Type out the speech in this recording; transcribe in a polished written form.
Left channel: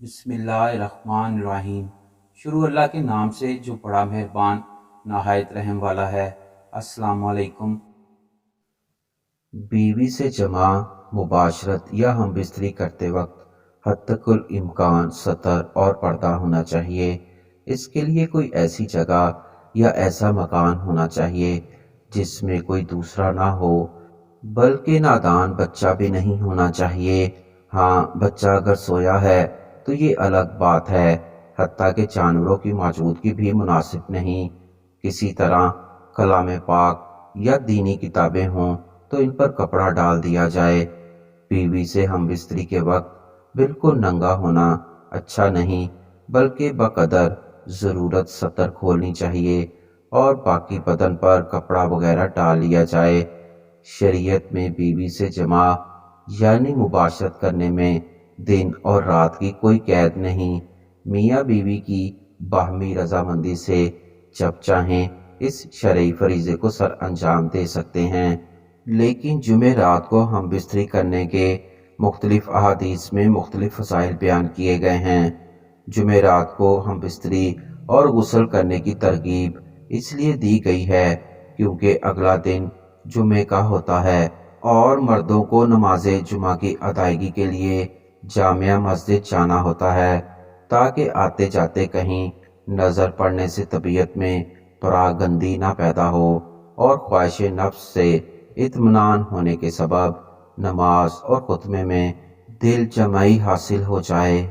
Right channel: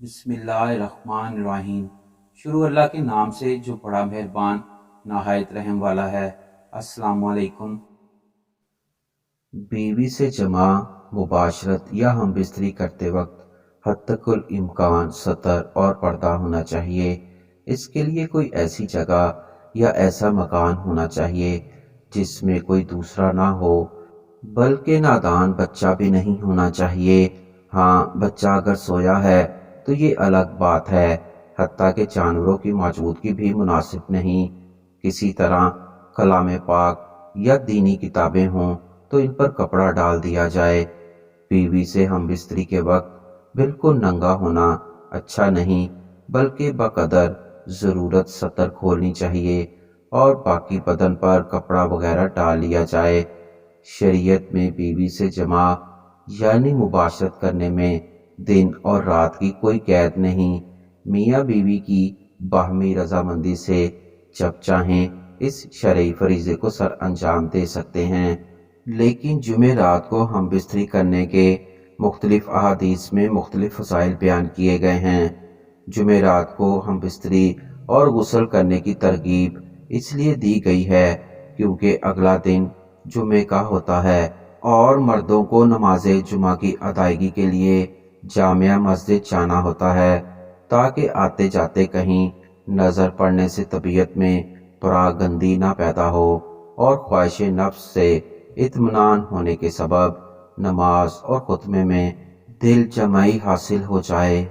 بسم اللہ الرحمن الرحیم۔ شروع اللہ کے نام سے جو بڑا مہربان نہایت رحم والا ہے۔ السلام علیکم۔ بیوی سے جمع مباشرت یا ہم بستری کرتے وقت حتیٰ الامکان ستر اور پردہ ہونا چاہیے۔ اس کے لیے کوئی ایسی جگہ یا ایسا مکان ہونا چاہیے جس میں کوئی دوسرا نہ ہو، بلکہ نادان بچہ بھی نہیں ہونا چاہیے۔ ہاں، بچہ اگر سویا ہے تو یہ الگ بات ہے، حتیٰ کہ جانوروں کی موجودگی بھی مناسب نہیں۔ کسی طرح کلام پاک یا دینی کتابیں ہوں تو ان پر کپڑا ڈال دیا جائے۔ بیوی سے ہم بستری کے وقت بالکل ننگا ہونا اچھا نہیں، بلکہ بقدر ضرورت سطر کھولنی چاہیے اور باقی بدن پر کپڑا وغیرہ ڈال لیا جائے۔ شریعت میں بیوی سے جمع یعنی مباشرت کرنے میں دن اور رات کی کوئی قید نہیں۔ میاں بیوی کی باہمی رضامندی سے جب چاہیں اس شرعی فریضے کو سر انجام دے سکتے ہیں۔ لیکن جمعرات کو ہم بستری کرنے کے مختلف احادیث میں مختلف فضائل بیان کیے گئے ہیں۔ جمعرات کو ہم بستری اور غسل کرنے کی ترغیب اس لیے دی گئی ہے کیونکہ اگلا دن جمعے کا ہوتا ہے اور مردوں کو نماز جمعہ کی ادائیگی کے لیے جامع مسجد جانا ہوتا ہے تاکہ آتے جاتے کہیں نظر پڑنے سے طبیعت میں پراگندی نہ پیدا ہو اور خواہش نفس سے اطمینان ہونے کے سبب نماز اور خطبے میں دل جمعی حاصل ہو جائے۔